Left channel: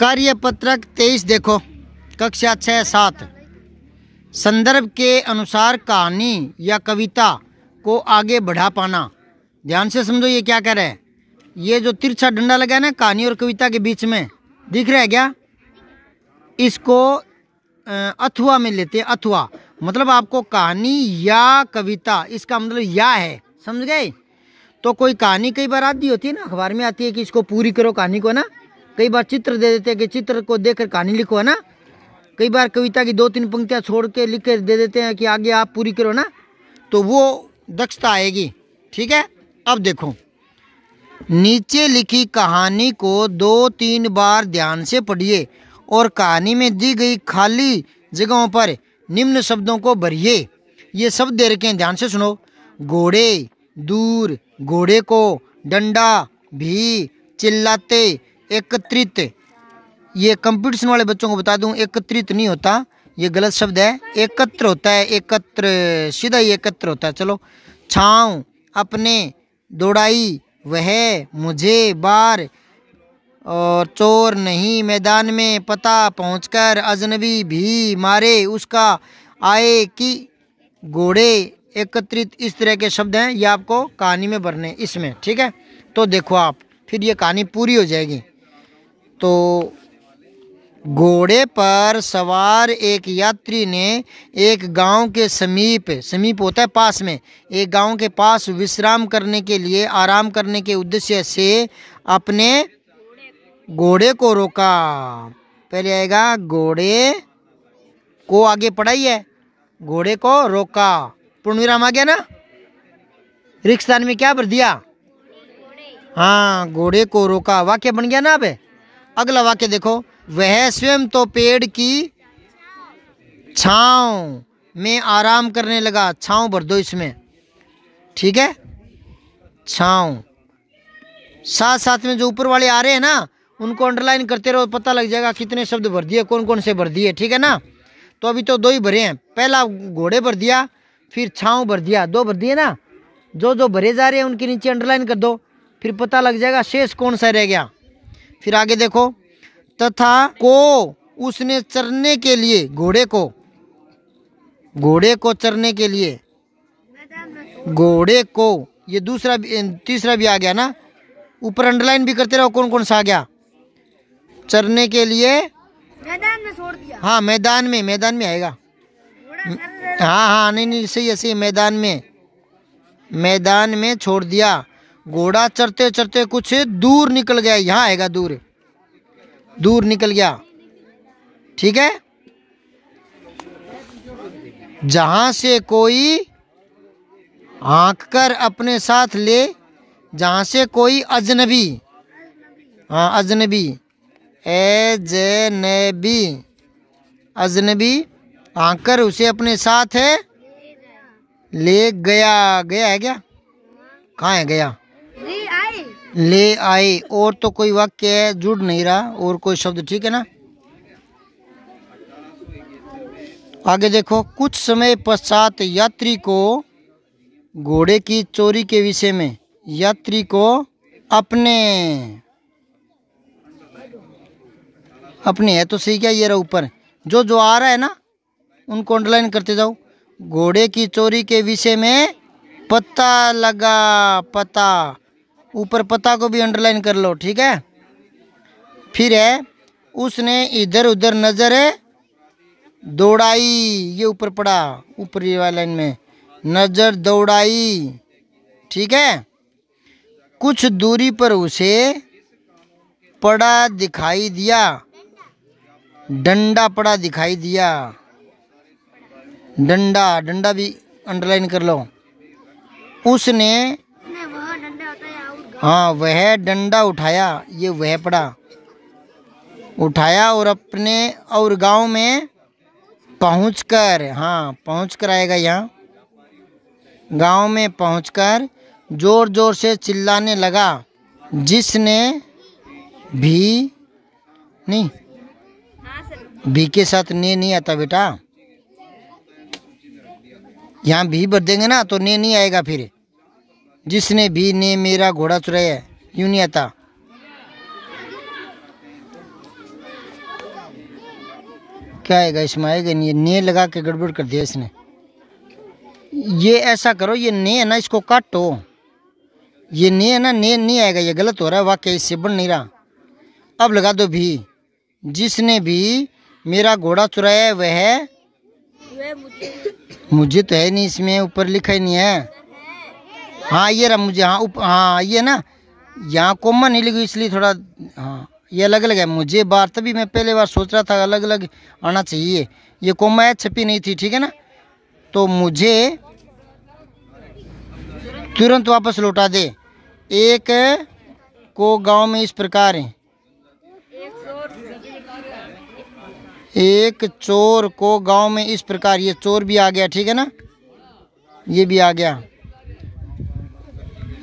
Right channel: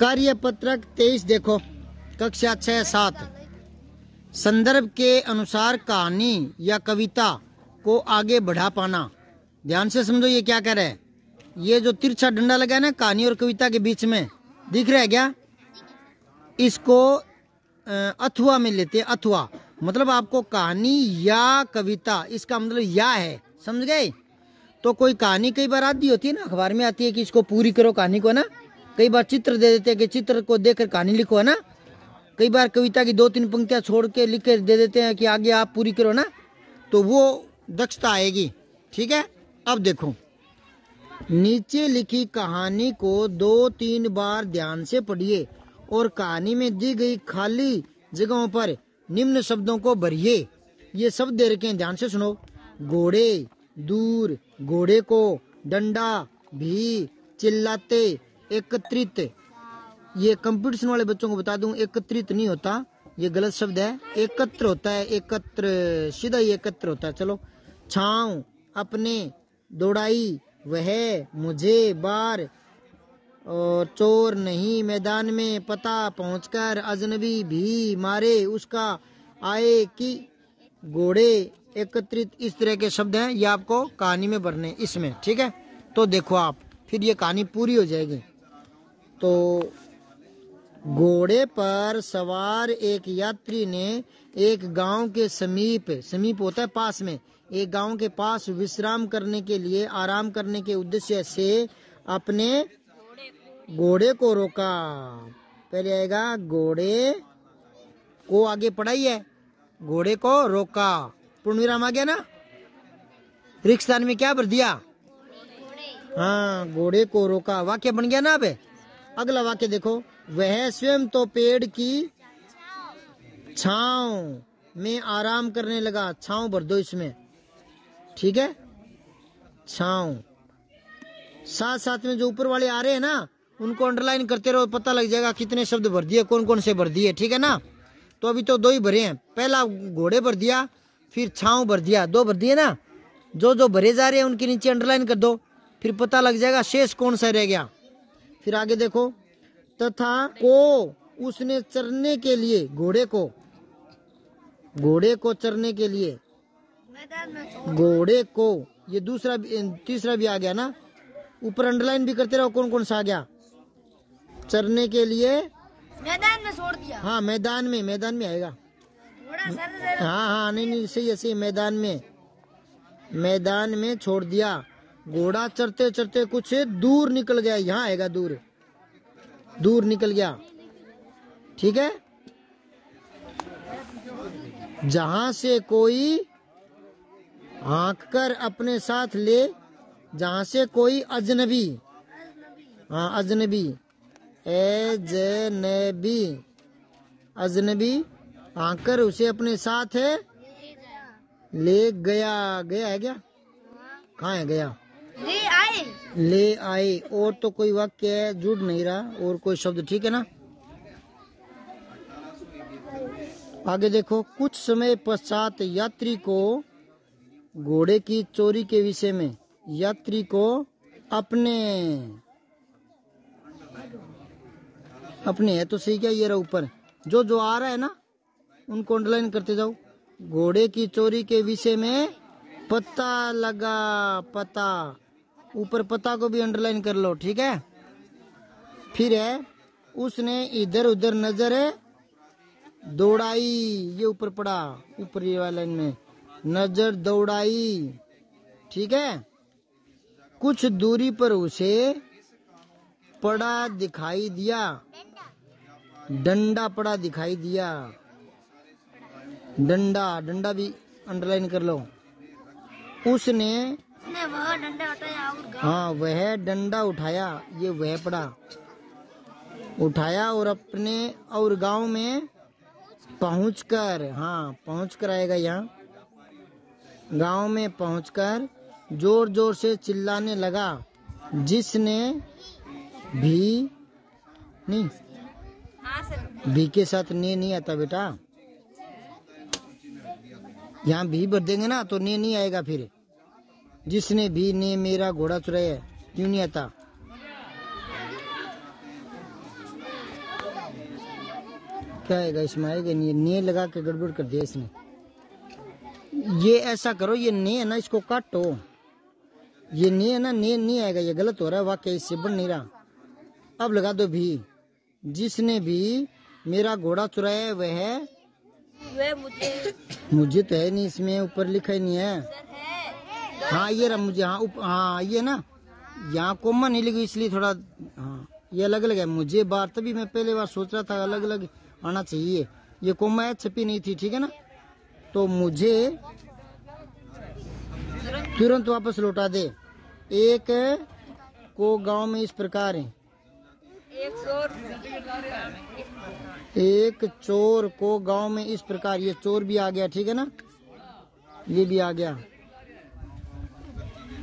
कार्यपत्रक 23 देखो, कक्षा 6-7। संदर्भ के अनुसार कहानी या कविता को आगे बढ़ा पाना। ध्यान से समझो ये क्या कह रहा है। ये जो तिरछा डंडा लगा है ना कहानी और कविता के बीच में, दिख रहा है क्या? इसको अथवा में लेते हैं। अथवा मतलब आपको कहानी या कविता, इसका मतलब या है, समझ गए? तो कोई कहानी कई बार आती होती है ना, अखबार में आती है कि इसको पूरी करो कहानी को ना। कई बार चित्र दे देते हैं कि चित्र को देखकर कहानी लिखो, है ना। कई बार कविता की 2-3 पंक्तियां छोड़ के लिख कर दे देते हैं कि आगे आप पूरी करो ना, तो वो दक्षता आएगी। ठीक है, अब देखो, नीचे लिखी कहानी को 2-3 बार ध्यान से पढ़िए और कहानी में दी गई खाली जगहों पर निम्न शब्दों को भरिए। ये शब्द दे रखे हैं, ध्यान से सुनो। घोड़े, दूर, घोड़े को, डंडा, भी, चिल्लाते, एकत्रित। ये कंपटीशन वाले बच्चों को बता दूं, एकत्रित नहीं होता, ये गलत शब्द है, एकत्र होता है। एकत्र, सीधा ही एकत्र होता है। चलो, छाँव, अपने, दौड़ाई, वह, मुझे, बार, और चोर नहीं, मैदान में, पता, पहुंचकर, अजनबी, भी, मारे, उसका, आए, की, घोड़े, एकत्रित। इस तरह के शब्द हैं, ये आपको कहानी में भरने इसमें। ठीक है, तो देखो आप, फिर ये कहानी पूरी हो जाएगी। तो घोड़े पर सवार एक यात्री ने एक गांव के समीप, समीप होता है पास में, एक गांव के पास विश्राम करने के लिए, आराम करने के उद्देश्य से अपने घोड़े को रोका। पहले आएगा घोड़े को, आगे पढ़ाई है, घोड़े को रोका, पूर्ण विराम आ गया ना। रिक्शदान में क्या भर दिया? हाँ, घोड़े को रोका, वाक्य बन गया ना। अब अगला वाक्य देखो, वह स्वयं तो पेड़ की छांव में आराम करने लगा। छांव भर दो इसमें, ठीक है, छांव। साथ साथ में जो ऊपर वाले आ रहे हैं ना, उनको अंडरलाइन करते रहो, पता लग जाएगा कितने शब्द भर दिए, कौन कौन से भर दिए। ठीक है ना। तो अभी तो 2 ही भरे हैं, पहला घोड़े भर दिया, फिर छांव भर दिया, 2 भर दिए ना। जो जो भरे जा रहे हैं उनके नीचे अंडरलाइन कर दो, फिर पता लग जाएगा शेष कौन सा रह गया। फिर आगे देखो, तथा को उसने चरने के लिए, घोड़े को चरने के लिए, घोड़े को, ये दूसरा तीसरा भी आ गया ना। ऊपर अंडरलाइन भी करते रहो कौन कौन सा आ गया। चरने के लिए मैदान में छोड़ दिया। हाँ, मैदान में आएगा। हाँ, नहीं सही है, सही, मैदान में छोड़ दिया। घोड़ा चरते चरते कुछ दूर निकल गया, यहाँ आएगा, दूर निकल गया। ठीक है, जहां से कोई हाँक कर अपने साथ ले, जहां से कोई अजनबी, हाँ अजनबी, अजनबी हाँक कर उसे अपने साथ है ले गया। गया है क्या? कहाँ है गया? ले आए। और तो कोई वाक्य है, जुड़ नहीं रहा, और कोई शब्द। ठीक है ना। आगे देखो, कुछ समय पश्चात यात्री को घोड़े की चोरी के विषय में, यात्री को अपने है तो सही क्या, ये रहा ऊपर जो जो आ रहा है ना, उनको अंडरलाइन करते जाओ। घोड़े की चोरी के विषय में पता लगा, पता, ऊपर पता को भी अंडरलाइन कर लो। ठीक है। फिर है, उसने इधर उधर नजर दौड़ाई, ये ऊपर पड़ा, ऊपरी वाली लाइन में, नजर दौड़ाई। ठीक है। कुछ दूरी पर उसे पड़ा दिखाई दिया, डंडा पड़ा दिखाई दिया। डंडा भी अंडरलाइन कर लो। उसने वह डंडा उठाया, हाँ वह डंडा उठाया, ये वह पड़ा, उठाया, और अपने और गांव में पहुंचकर, हाँ पहुंचकर आएगा यहाँ, गांव में पहुंचकर जोर जोर से चिल्लाने लगा। जिसने भी, नहीं, भी के साथ ने नहीं आता बेटा, यहाँ भी भर देंगे ना तो ने नहीं आएगा। फिर जिसने भी ने मेरा घोड़ा चुराया, यूं नहीं आता। क्या आएगा इसमें? आएगा नहीं, ने लगा के गड़बड़ कर दिया इसने। ये ऐसा करो, ये ने है ना, इसको काटो। ये ने है ना, ने नहीं आएगा, ये गलत हो रहा है वाकई, इससे बन नहीं रहा। अब लगा दो भी। जिसने भी मेरा घोड़ा चुराया है वह मुझे तो है नहीं, इसमें ऊपर लिखा ही नहीं है। हाँ ये रहा मुझे, हाँ हाँ ये ना, यहाँ कोमा नहीं लिखी इसलिए थोड़ा, हाँ ये अलग अलग है। मुझे बार तभी मैं पहले बार सोच रहा था अलग अलग आना चाहिए, ये कोमा है, छपी नहीं थी, ठीक है ना। तो मुझे तुरंत वापस लौटा दे। एक को गांव में इस प्रकार है, एक चोर को गांव में इस प्रकार, ये चोर भी आ गया, ठीक है ना, ये भी आ गया।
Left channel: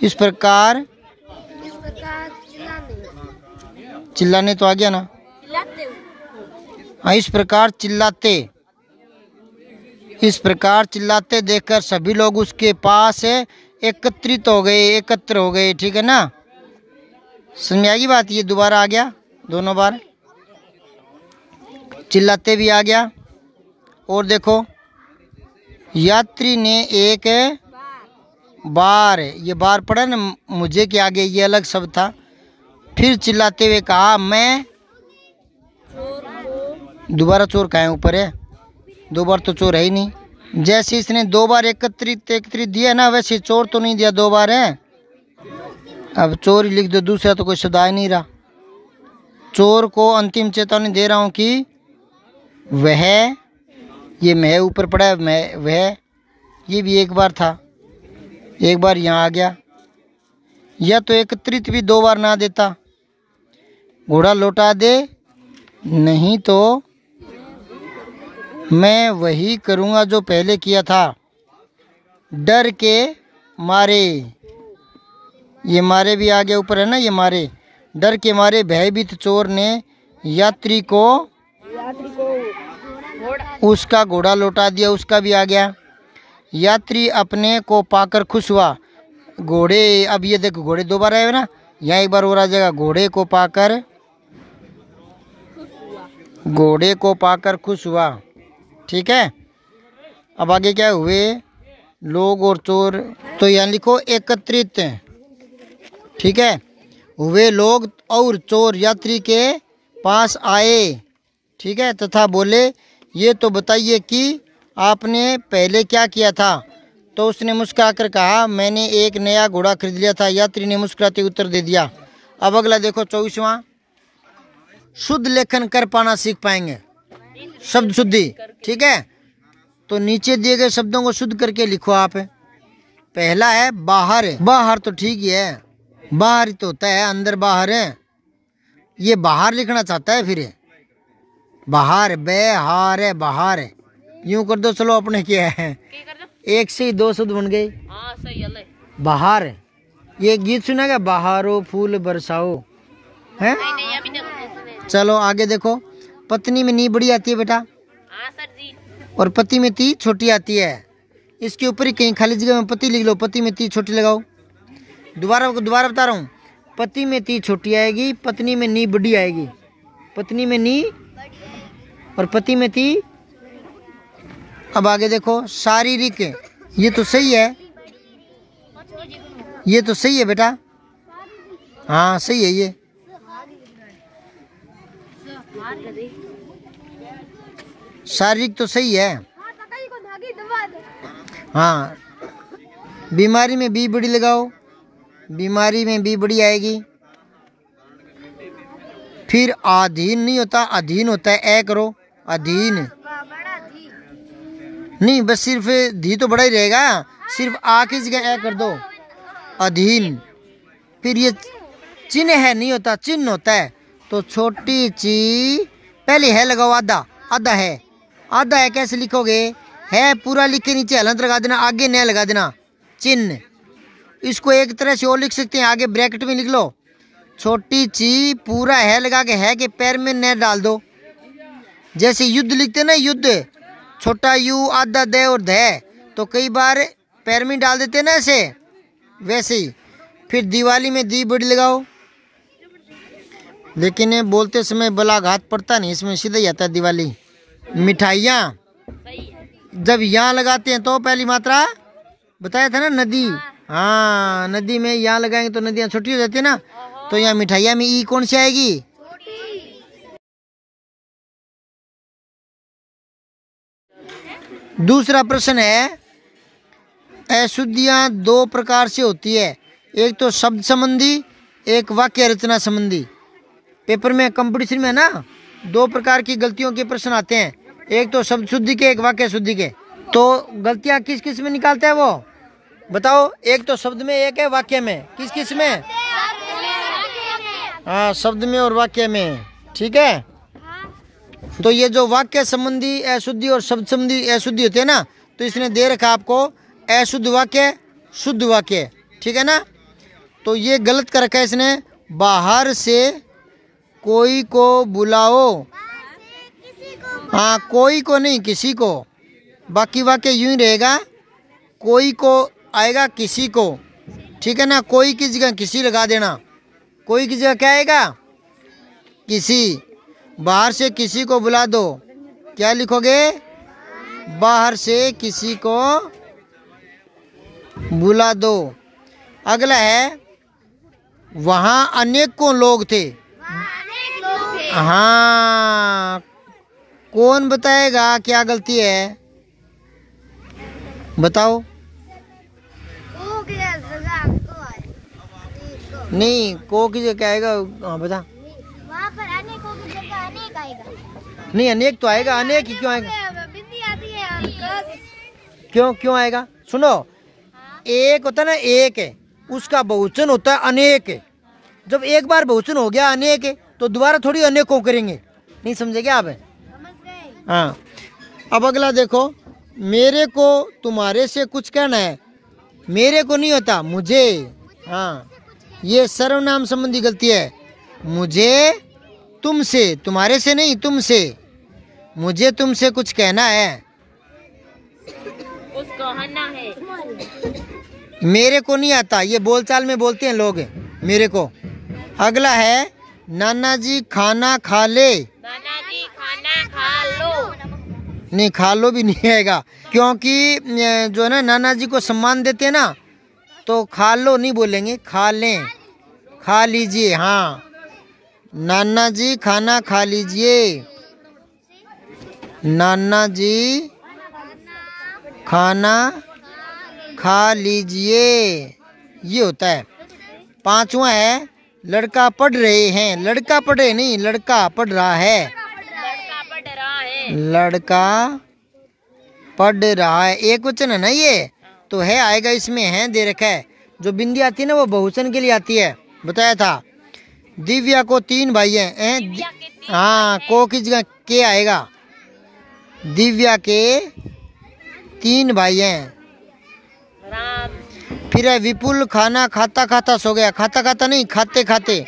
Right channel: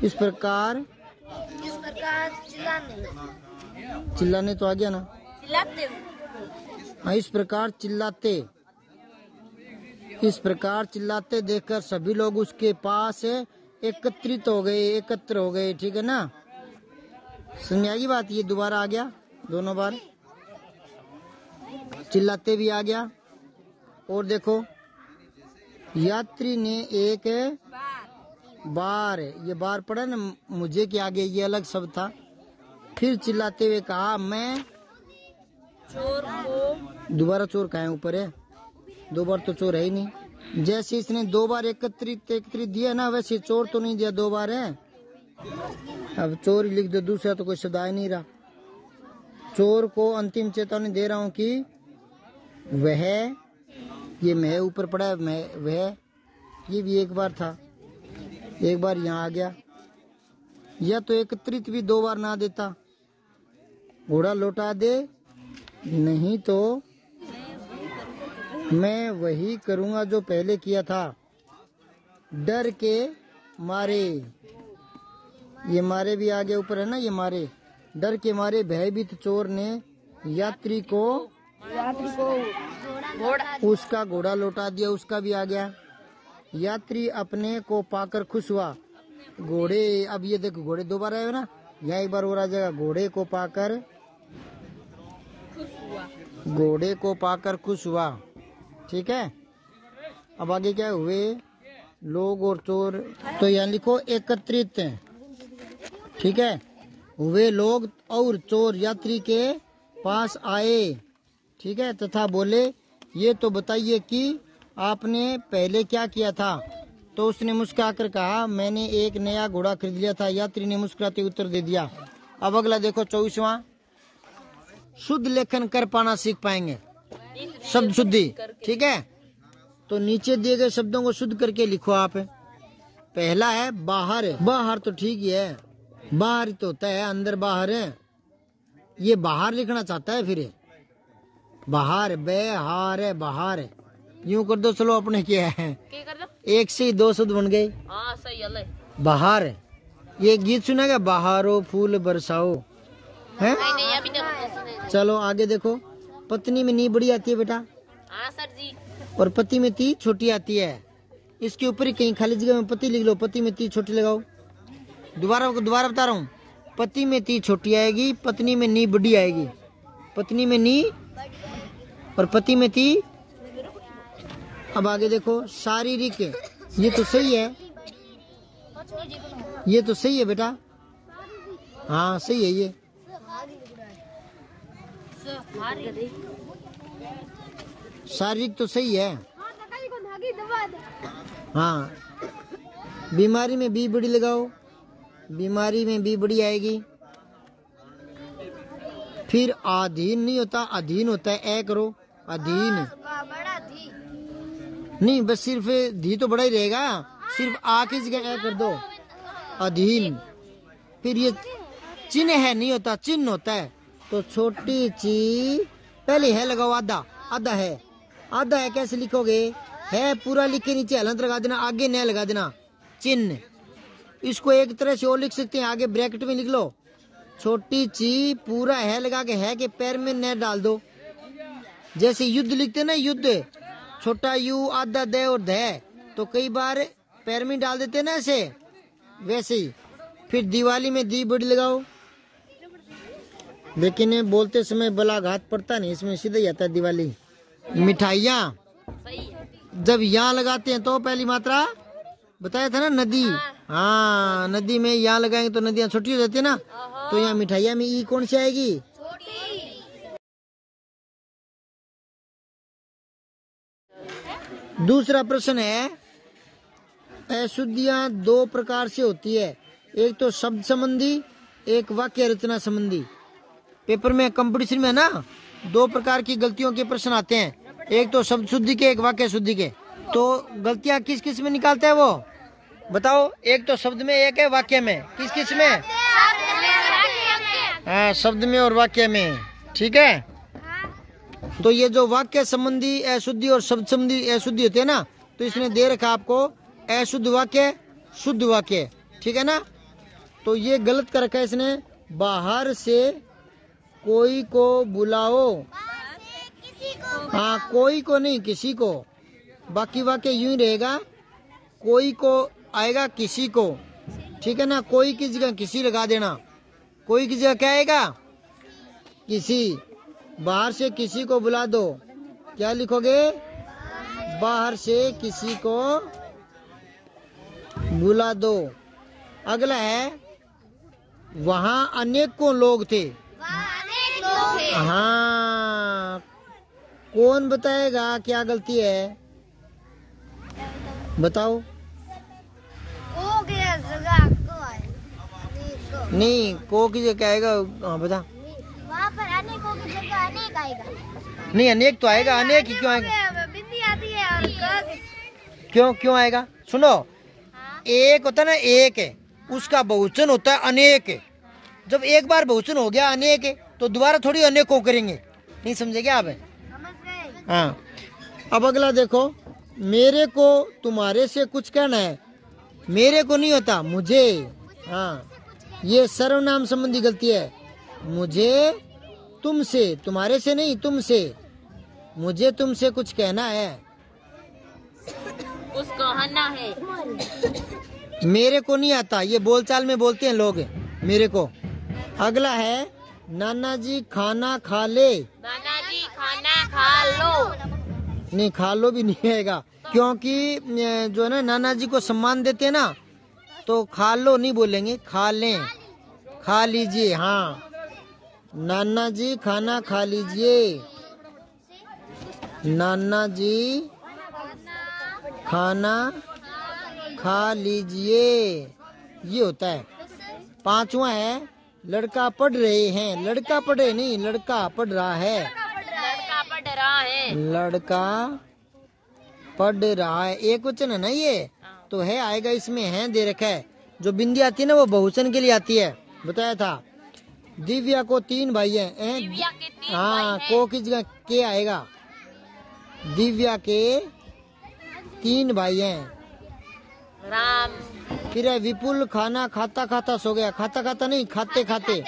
इस प्रकार चिल्लाने तो आ गया ना, हाँ इस प्रकार चिल्लाते, इस प्रकार चिल्लाते देखकर सभी लोग उसके पास एकत्रित हो गए, एकत्र हो गए, ठीक है ना। समझ में आएगी बात? ये दोबारा आ गया दोनों बार, चिल्लाते भी आ गया। और देखो यात्री ने एक बार, ये बार पड़ा ना मुझे के आगे, ये अलग शब्द था। फिर चिल्लाते हुए कहा मैं, दोबारा चोर कहाँ है? ऊपर है, दो बार तो चोर है ही नहीं। जैसे इसने दो बार एकत्रित एकत्रित दिया ना, वैसे चोर तो नहीं दिया, दो बार है। अब चोर ही लिख दो, दूसरा तो कोई शब्द आ नहीं रहा। चोर को अंतिम चेतावनी दे रहा हूँ कि वह, ये मैं ऊपर पड़ा है, मैं वह, ये भी एक बार था, एक बार यहाँ आ गया। या तो एकत्रित भी दो बार ना देता, घोड़ा लौटा दे, नहीं तो मैं वही करूँगा जो पहले किया था। डर के मारे, ये मारे भी आ गया, ऊपर है ना ये मारे। डर के मारे भयभीत चोर ने यात्री को उसका घोड़ा लौटा दिया, उसका भी आ गया। यात्री अपने को पाकर खुश हुआ। घोड़े, अब ये देखो घोड़े दो बार आए ना, यहाँ एक बार और आ जाएगा। घोड़े को पाकर, घोड़े को पाकर खुश हुआ, ठीक है। अब आगे क्या हुए लोग और चोर, तो यहाँ लिखो एकत्रित, ठीक है। हुए लोग और चोर यात्री के पास आए, ठीक है, तथा बोले ये तो बताइए कि आपने पहले क्या किया था। तो उसने मुस्कुराकर कहा मैंने एक नया घोड़ा खरीद लिया था। यात्री ने मुस्कुराते उत्तर दे दिया। अब अगला देखो 24वां, शुद्ध लेखन कर पाना सीख पाएंगे, शब्द शुद्धि, ठीक है। तो नीचे दिए गए शब्दों को शुद्ध करके लिखो आप। पहला है बाहर, बाहर तो ठीक ही है, बाहर ही तो होता है, अंदर बाहर है, ये बाहर लिखना चाहता है, फिर बाहर, बेहार है, बाहर है, यूं कर दो। चलो अपने क्या है, एक से ही दो शब्द बन गए। बाहर, ये गीत सुना क्या, बाहरो फूल बरसाओ, है? चलो आगे देखो, पत्नी में नी बड़ी आती है बेटा, और पति में ती छोटी आती है। इसके ऊपर ही कहीं खाली जगह में पति लिख लो, पति में ती छोटी लगाओ। दोबारा बता रहा हूँ, पति में ती छोटी आएगी, पत्नी में नी बड़ी आएगी, पत्नी में नी और पति में ती। अब आगे देखो शारीरिक, ये तो सही है, ये तो सही है बेटा, हाँ सही है ये। शारीरिक तो सही है, हाँ। बीमारी में बी बड़ी लगाओ, बीमारी में बी बड़ी आएगी। फिर अधीन नहीं होता, अधीन होता है, ए करो, अधीन नहीं, बस सिर्फ धी तो बड़ा ही रहेगा, सिर्फ आ की जगह ए कर दो, अधीन। फिर ये चिन्ह है नहीं होता, चिन्ह होता है, तो छोटी ची पहले है लगाओ, आधा, आधा है, आधा है कैसे लिखोगे, है पूरा लिख के नीचे हलंत लगा देना, आगे न लगा देना, चिन्ह। इसको एक तरह से और लिख सकते हैं, आगे ब्रैकेट में लिख लो, छोटी ची पूरा है लगा के, है के पैर में न डाल दो। जैसे युद्ध लिखते ना, युद्ध, छोटा यू आधा दे और धै, तो कई बार पैर में डाल देते ना ऐसे, वैसे ही। फिर दिवाली में दी बड़ी लगाओ, लेकिन बोलते समय बलाघात पड़ता नहीं, इसमें सीधा ही आता है दिवाली, मिठाइयाँ जब यहाँ लगाते हैं तो पहली मात्रा बताया था ना, नदी। हाँ, नदी में यहाँ लगाएंगे तो नदियाँ छोटी हो जाती है ना, तो यहाँ मिठाइयाँ में ई कौन सी आएगी? दूसरा प्रश्न है, अशुद्धियाँ दो प्रकार से होती है, एक तो शब्द संबंधी, एक वाक्य रचना संबंधी। पेपर में कंपटीशन में ना दो प्रकार की गलतियों के प्रश्न आते हैं, एक तो शब्द शुद्धि के, एक वाक्य शुद्धि के। तो गलतियाँ किस किस में निकालते हैं वो बताओ? एक तो शब्द में, एक है वाक्य में। किस किस में? हाँ, शब्द में और वाक्य में। ठीक है, तो ये जो वाक्य संबंधी अशुद्धि और शब्द संबंधी अशुद्धि होते हैं ना, तो इसने दे रखा आपको अशुद्ध वाक्य, शुद्ध वाक्य। ठीक है ना, तो ये गलत कर रखा है इसने। बाहर से कोई को बुलाओ, हाँ कोई को नहीं, किसी को। बाकी वाक्य यूं ही रहेगा, कोई को आएगा किसी को। ठीक है ना, कोई की जगह किसी लगा देना। कोई की जगह क्या आएगा? किसी। बाहर से किसी को बुला दो, क्या लिखोगे? बाहर से किसी को बुला दो। अगला है, वहाँ अनेकों लोग थे। हाँ, कौन बताएगा क्या गलती है? बताओ। नहीं, को की जगह क्या आएगा? हाँ बता। वहाँ पर अनेकों की जगह अनेक आएगा। नहीं, अनेक तो आएगा, अनेक ही क्यों आएगा? बिंदी आती है और क्यों आएगा? सुनो, एक होता है ना, एक है, उसका बहुवचन होता है अनेक। जब एक बार बहुवचन हो गया अनेक, तो दोबारा थोड़ी अनेकों करेंगे। नहीं समझे क्या आप? समझ गए? हाँ, अब अगला देखो, मेरे को तुम्हारे से कुछ कहना है। मेरे को नहीं होता, मुझे। हाँ, ये सर्वनाम संबंधी गलती है। मुझे तुमसे, तुम्हारे से नहीं, तुमसे। मुझे तुमसे कुछ कहना है, उसको कहना है। मेरे को नहीं आता, ये बोलचाल में बोलते हैं लोग, मेरे को। अगला है, नाना जी खाना खा ले। नाना जी खाना खा लो। नहीं, खा लो भी नहीं आएगा, क्योंकि जो है ना, नाना जी को सम्मान देते हैं ना, तो खा लो नहीं बोलेंगे, खा लें, खा लीजिए। हाँ, नाना जी खाना खा लीजिए। नाना जी खाना खा लीजिए, ये होता है। पांचवा है, लड़का पढ़ रहे हैं। लड़का पढ़ रहे नहीं, लड़का पढ़ रहा है। लड़का पढ़ रहा है। लड़का पढ़ रहा है, एक वचन है ना ये, तो है आएगा, इसमें है दे रखा है। जो बिंदी आती है ना, वो बहुवचन के लिए आती है, बताया था। दिव्या को 3 भाई हैं। हाँ, को की जगह के आएगा। दिव्या के 3 भाई हैं। फिर है, विपुल खाना खाता खाता सो गया। खाता खाता नहीं, खाते खाते।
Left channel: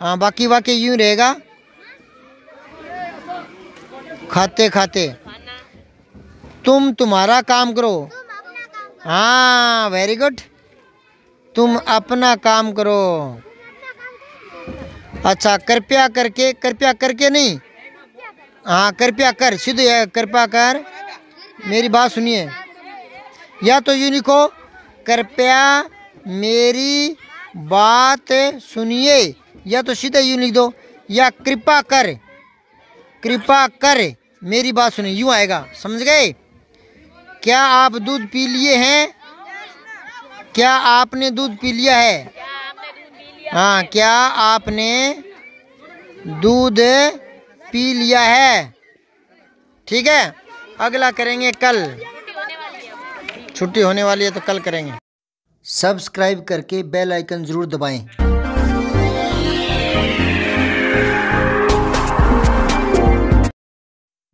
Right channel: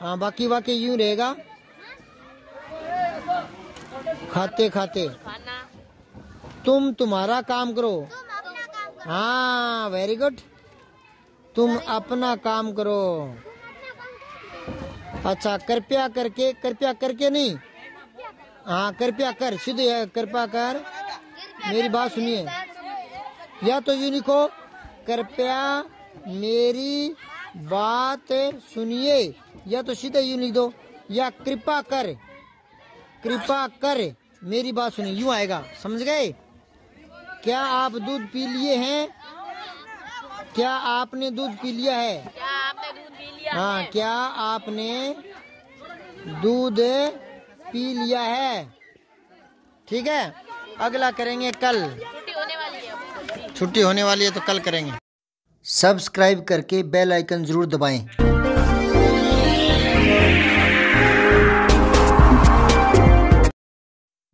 हाँ, बाकी वाक्य यूं रहेगा, खाते खाते। तुम तुम्हारा काम करो। हाँ, वेरी गुड, तुम अपना काम करो। अच्छा, कृपया करके, कृपया करके नहीं, हाँ कृपया कर, सीधे है, कृपया कर। मेरी बात सुनिए, या तो यूं लिखो, कृपया मेरी बात सुनिए, या तो सीधे यूं लिख दो, या कृपा कर, कृपा कर मेरी बात सुनिए, यूं आएगा। समझ गए? क्या आप दूध पी लिए हैं? क्या आपने दूध पी लिया है? हाँ, क्या आपने दूध पी लिया है? ठीक है, अगला करेंगे कल। छुट्टी होने वाली है तो कल करेंगे। सब्सक्राइब करके बेल आइकन जरूर दबाएं।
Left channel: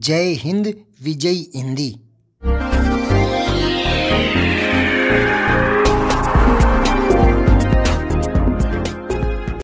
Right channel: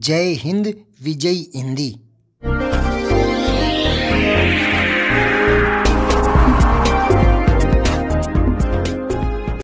जय हिंद, विजय हिंदी।